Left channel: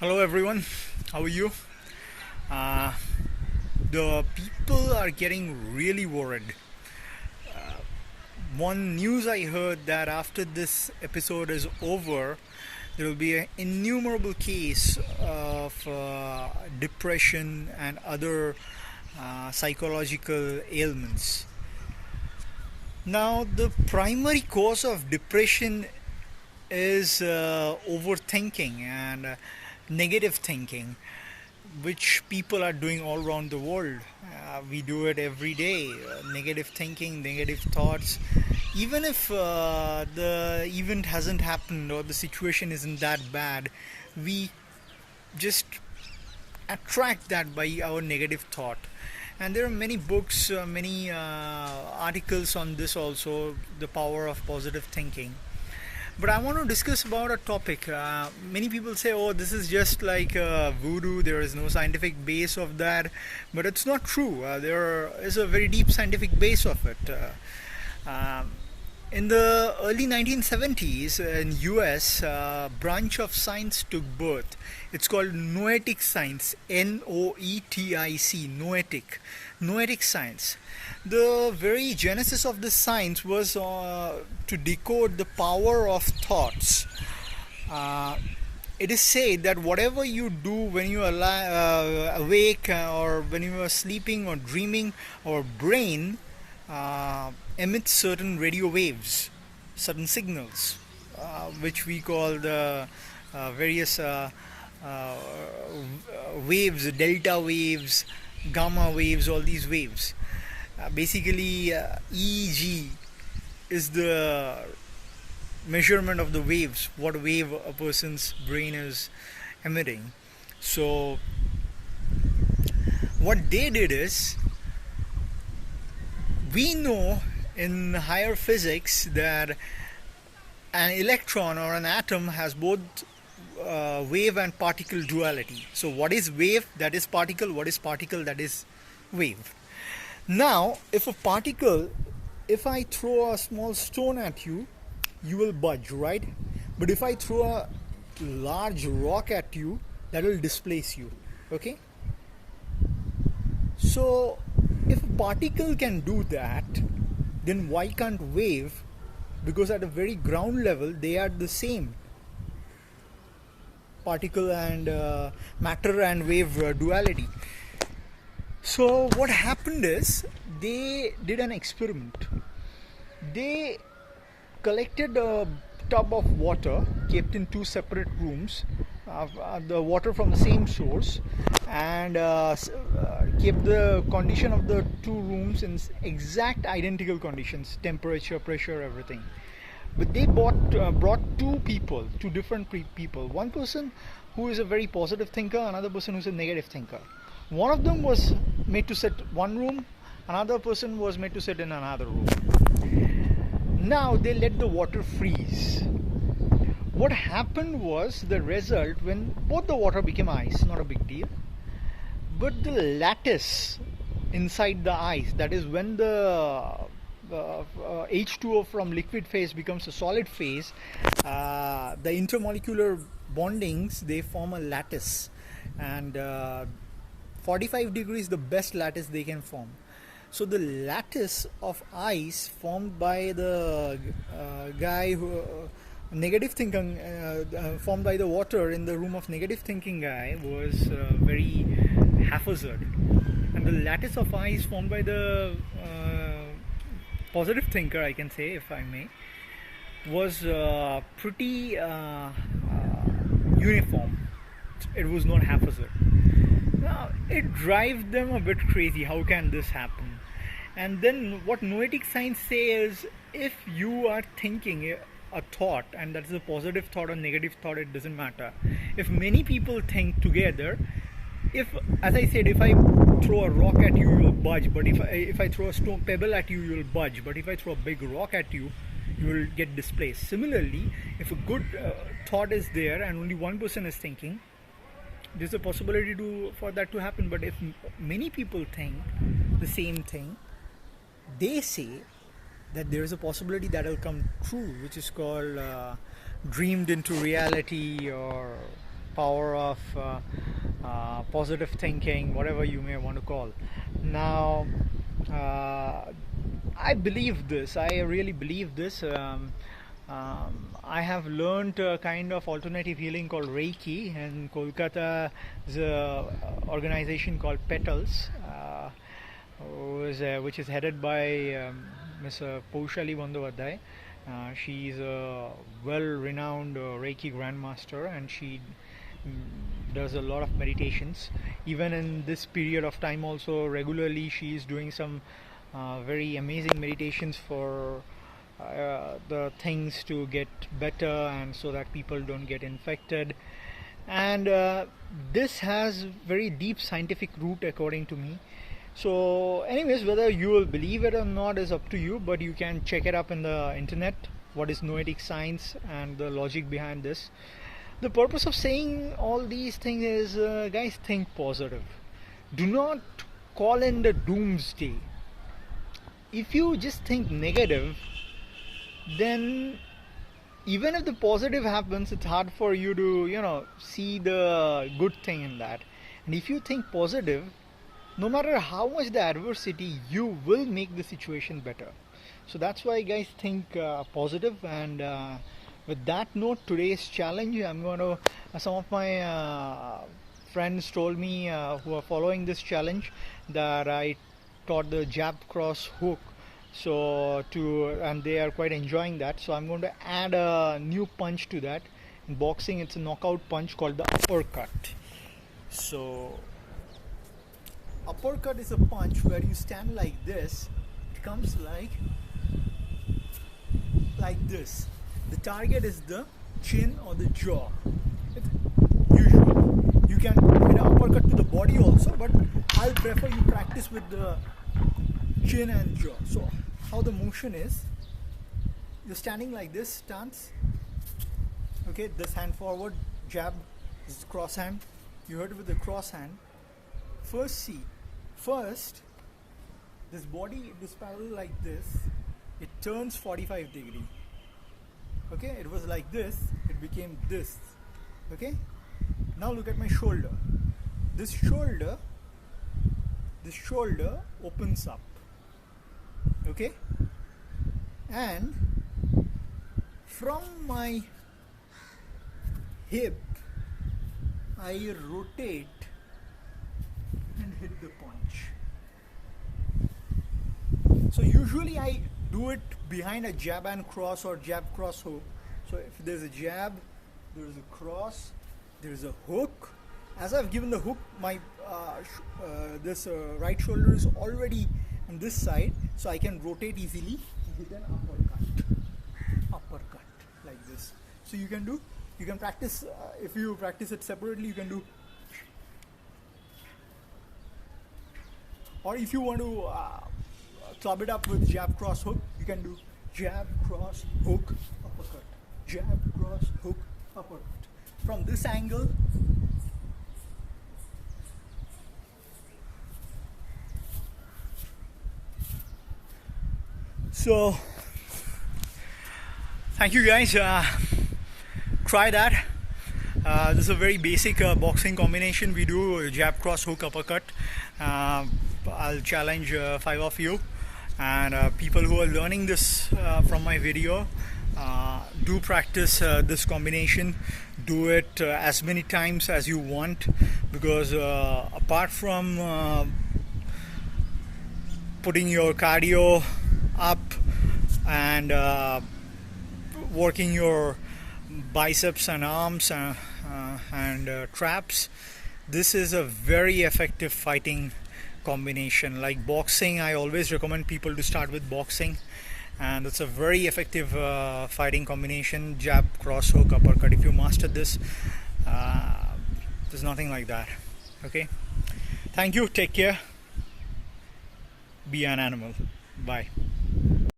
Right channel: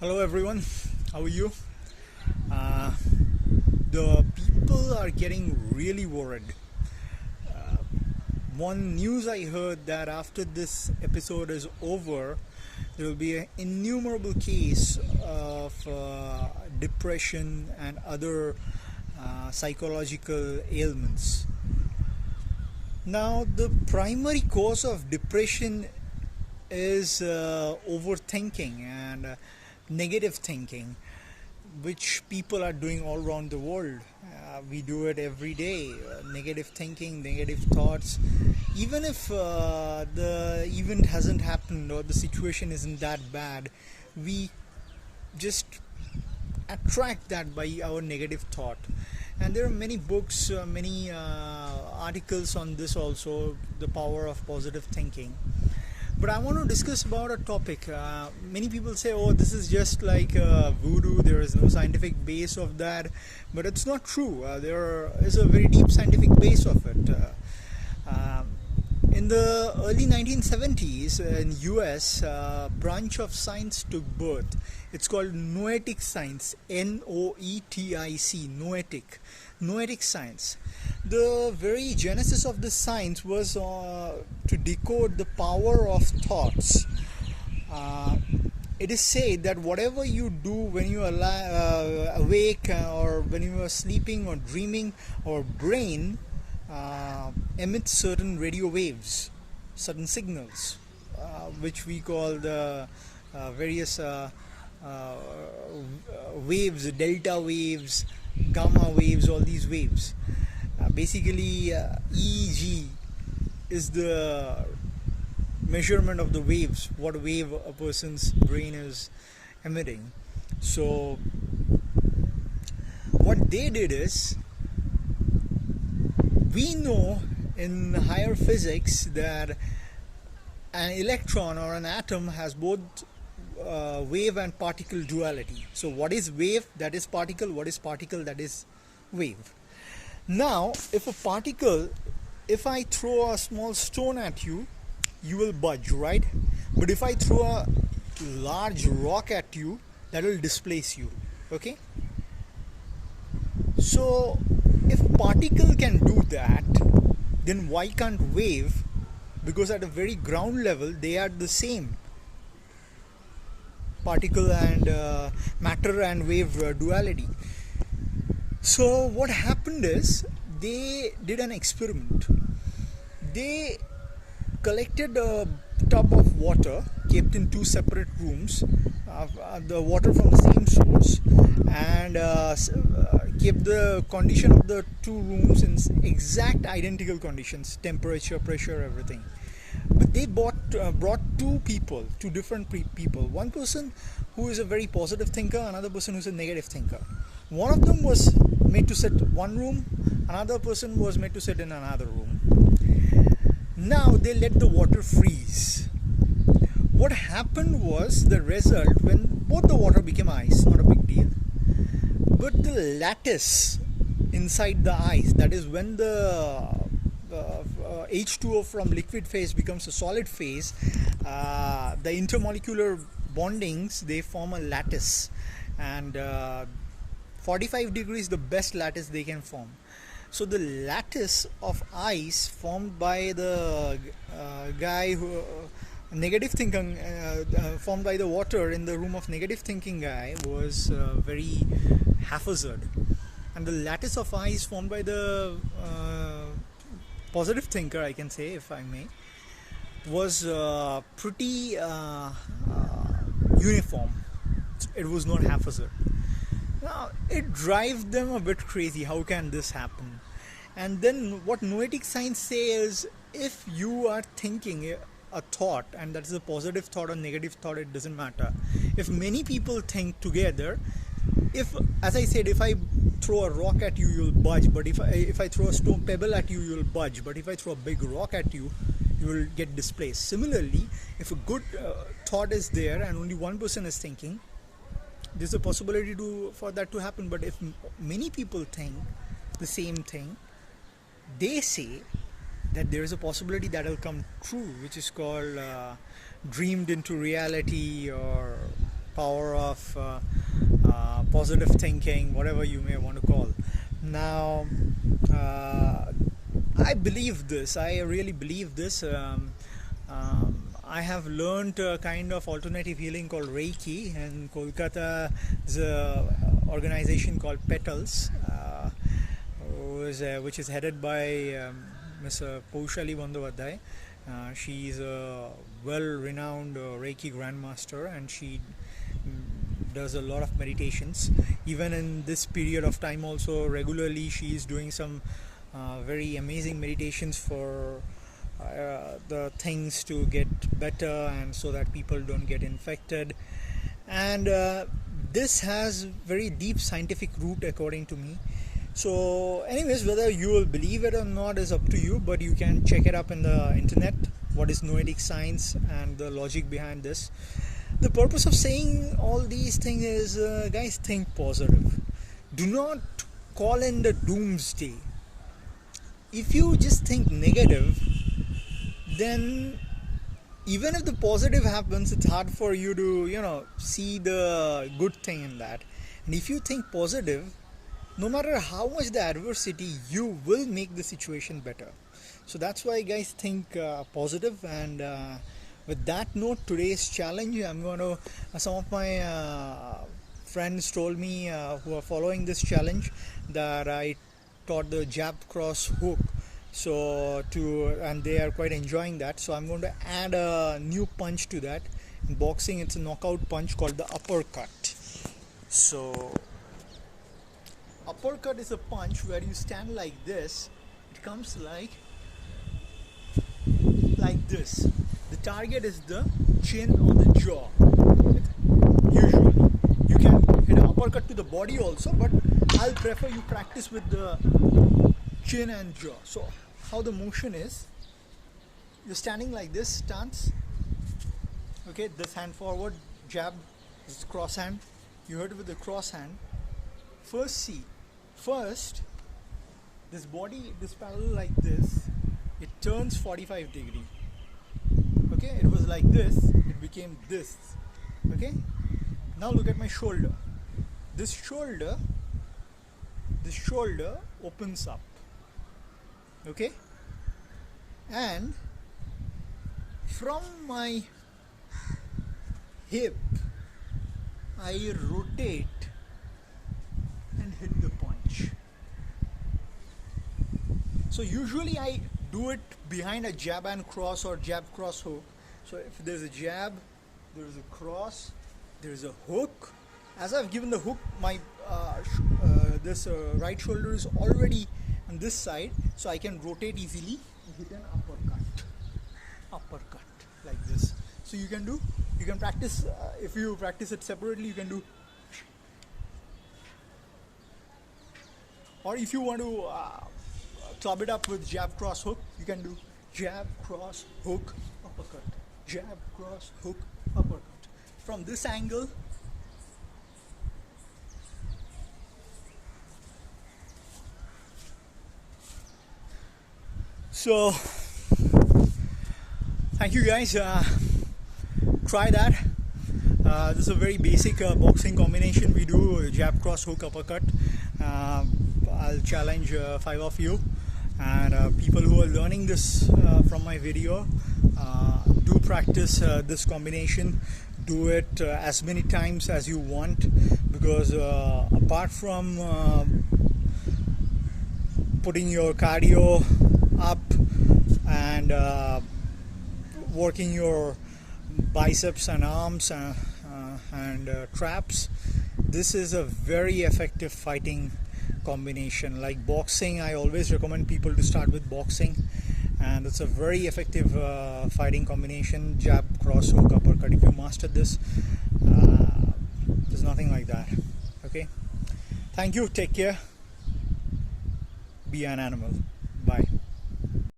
Hello everyone, how are you? Uh, the people are getting really worried. One news I heard that after this episode is over, there will be an innumerable case of depression and other psychological ailments. Now, the primary cause of depression is overthinking and negative thinking, which people are doing all around the world. We do it every day. Negative thinking, negative thoughts. Even if the event hasn't happened or the situation isn't that bad, we just attract that by our negative thought. And there are many books, many articles on this also, the power of positive thinking. But I want to discuss about a topic. Many people say, "Oh, this is just like voodoo. There is no scientific base of that," but it's not true. There is a very deep scientific base of it. In the early 1970s in US, a branch of science took birth. It's called noetic science, Noetic, noetic science. The very genesis of this science was to decode the power of thoughts. Uh, it is said that whatever you do when you are awake or when you are sleeping or dreaming, our brain emits certain radio waves, certain signals, which we call the various uh, waves, delta waves, gamma waves, all these waves. Basically, EEG is the measurement of the waves, what wave a person's brain is emitting. So, what they did is, we know in higher physics that an electron or an atom has both wave and particle duality. So, what is wave? That is particle. What is particle? That is wave. Now, if I throw a small stone at you, you will budge, right? But if I throw a large rock at you, that will displace you. Okay? So, if particle can do that, then why can't wave? Because at a very ground level, they are the same. Particle and matter and wave duality. So what happened is they did an experiment. They collected a tub of water kept in two separate rooms, the water from the same source, and kept the condition of the two rooms in exact identical conditions, temperature, pressure, everything. But they brought two different people. One person who is a very positive thinker, another person who's a negative thinker. One of them was made to sit one room, another person was made to sit in another room. Now they let the water freeze. What happened was the result when both the water became ice, not a big deal, but the lattice inside the ice, that is when the H2O from liquid phase becomes a solid phase, the intermolecular bondings, they form a lattice, and 45 degrees the best lattice they can form. So the lattice of ice formed by the guy who negative thinking, formed by the water in the room of negative thinking guy, was very haphazard, and the lattice of ice formed by the positive thinker, I can say, if I may, was pretty uniform. It was not haphazard. Now it drives them a bit crazy. How can this happen? And then what noetic science says, if you are thinking a thought, and that is a positive thought or negative thought, it doesn't matter. If many people think together, if, as I said, if I throw a rock at you, you'll budge. But if I throw a stone pebble at you, you'll budge. But if I throw a big rock at you, you will get displaced. Similarly, if a good thought is there and only one person is thinking, there's a possibility for that to happen. But if many people think the same thing, they say that there is a possibility that will come true, which is called dreamed into reality, or power of positive thinking, whatever you may want to call. Now, I believe this. I really believe this. I have learned a kind of alternative healing called Reiki in Kolkata. There's an organization called Petals, which is headed by Ms. Paushali Bandyopadhyay. She's a well-renowned Reiki grandmaster, and she does a lot of meditations. Even in this period of time also, regularly she is doing some very amazing meditations for the things to get better, and so that people don't get infected. And this has very deep scientific root according to me. So anyways, whether you will believe it or not is up to you, but you can check it up in the internet, what is noetic science and the logic behind this. The purpose of saying all these things is, guys, think positive. Do not call in the doomsday. If you just think negative, then even if the positive happens, it's hard for you to, see the good thing in that. And if you think positive, no matter how much the adversity, you will make the situation better. So that's why, guys, think positive. And with that note, today's challenge, I'm going to, some of my friends told me who are following this challenge that I taught the jab cross hook. And they are quite enjoying that. So I'm going to add a new punch to that. In boxing, it's a knockout punch called the uppercut. So uppercut is a punch where you stand like this. It comes like this. The target is the chin or the jaw. Usually you can hit an uppercut to the body also, but I'll prefer you practice with the chin and jaw. So how the motion is, you're standing like this stance, okay, this hand forward, jab, this is cross hand, you hit it with the cross hand. First this body, this parallel like this, it turns 45 degree. Okay, it was like this, it became this. Okay, now look at my shoulder. This shoulder opens up. Okay, and from my hip I rotate and hit the punch. So usually I do it behind a jab and cross or jab cross hook. So if there's a jab, there's a cross, there's a hook. As I've given the hook, my this right shoulder is already on this side, so I can rotate easily and hit an uppercut like this. So you can practice, if you practice it separately, you can do, or if you want to club it up with jab cross hook, you can do jab cross hook uppercut, jab cross hook uppercut. From this angle, so thank you, guys. Try that. This is a very basic boxing combination. We do jab cross hook uppercut. I'll challenge 5 of you, and people who are learning this from my video, do practice this combination. Do it as many times as you want, because apart from putting your cardio up and working your biceps and arms and traps, this is a very effective fighting combination. Like boxing, I always recommend people to start with boxing, and it's a very effective fighting combination. Jab cross hook uppercut. If you master this, there's nothing like that. Okay, thank you, take care, be an animal, bye.